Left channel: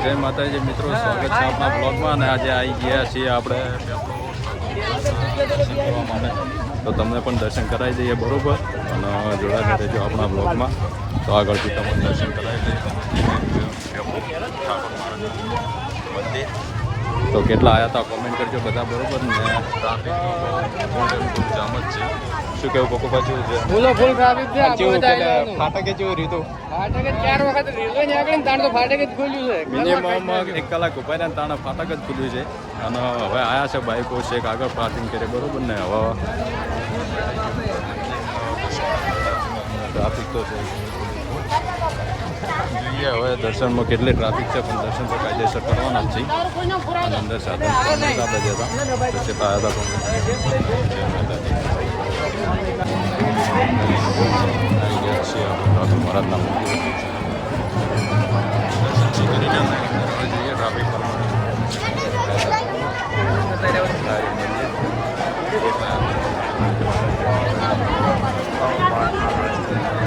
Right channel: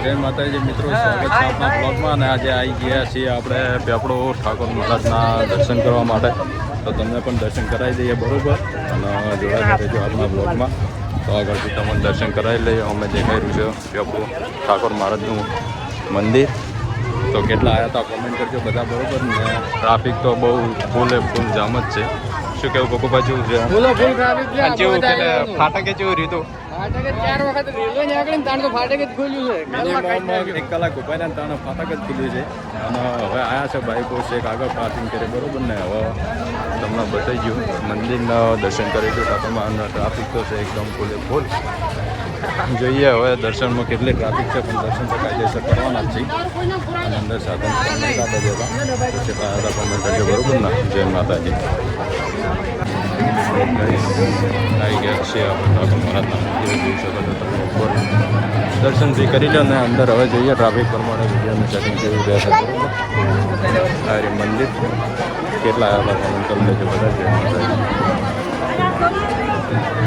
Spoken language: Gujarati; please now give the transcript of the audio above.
જય માતાજી મિત્રો, સ્વાગત છે આપણા બ્લોગમાં. અને આજે આવી ગયા છીએ આપણે પેપડો ઠાકોર મહારાજના દર્શન કરવા માટે. તો તમને પણ દર્શન કરાવી દઈએ બરાબર, અને જોડાતા રહેજો આપણા બ્લોગમાં. તો આગળથી તમને દર્શન કરાવી લઈએ. અમે જઈ રહ્યું છે પેપડો ઠાકોર મહારાજનું મંદિર. તો કેટલા આવ્યા હતા કોમેન્ટ કરજો બધા બરાબર. ને ટ્રાફિક તો બહુ ફૂલ જામ જ છે. શું કેવું પપ્પા, જેવું છે ફૂલ ટ્રાફિક છે. ફાટકે જેવું રીતું ફાટક 4 વખત રેલવે ની આગળ તાણ તો ફાટક જ ખોલ્યું છે. મિનિમમ 1 કલાક ઉભા રહ્યા તાણે ફાટક જ ખુલ્યું છે. અને હવે આવ્યા છે બાઇકો છે એક આગળ પાર્કિંગ કરે બરોબર ને. હવે તમને બતાવી ગયું મંદિરના દર્શન કરી ગયો ટ્રાફિકમાં છે એકદમ ફૂલ. જોઈએ હવે દર્શનમાં કેટલી ટ્રાફિક છે, પણ દર્શન તો કાયદેસર કરવાના જ છે. અને અંદર સાધન પણ નતા બજ્યા હતા તો કેટલા હતા કોમેન્ટ કરજો બરોબર ને. જય માતાજી. આવી ગયા છીએ આપણે ઠાકોર મહારાજના મંદિરે. જોઈ શકો છો દર્શન બી કરી લો ને અંદર. હવે જોઈએ ટ્રાફિક પ્રમાણે જગ્યાનું સેટિંગ કેવું રહેશે બરોબર. આ મંદિર કેટલા આવ્યા હતા કોમેન્ટ કરી લેજો બધા. જય માતાજી.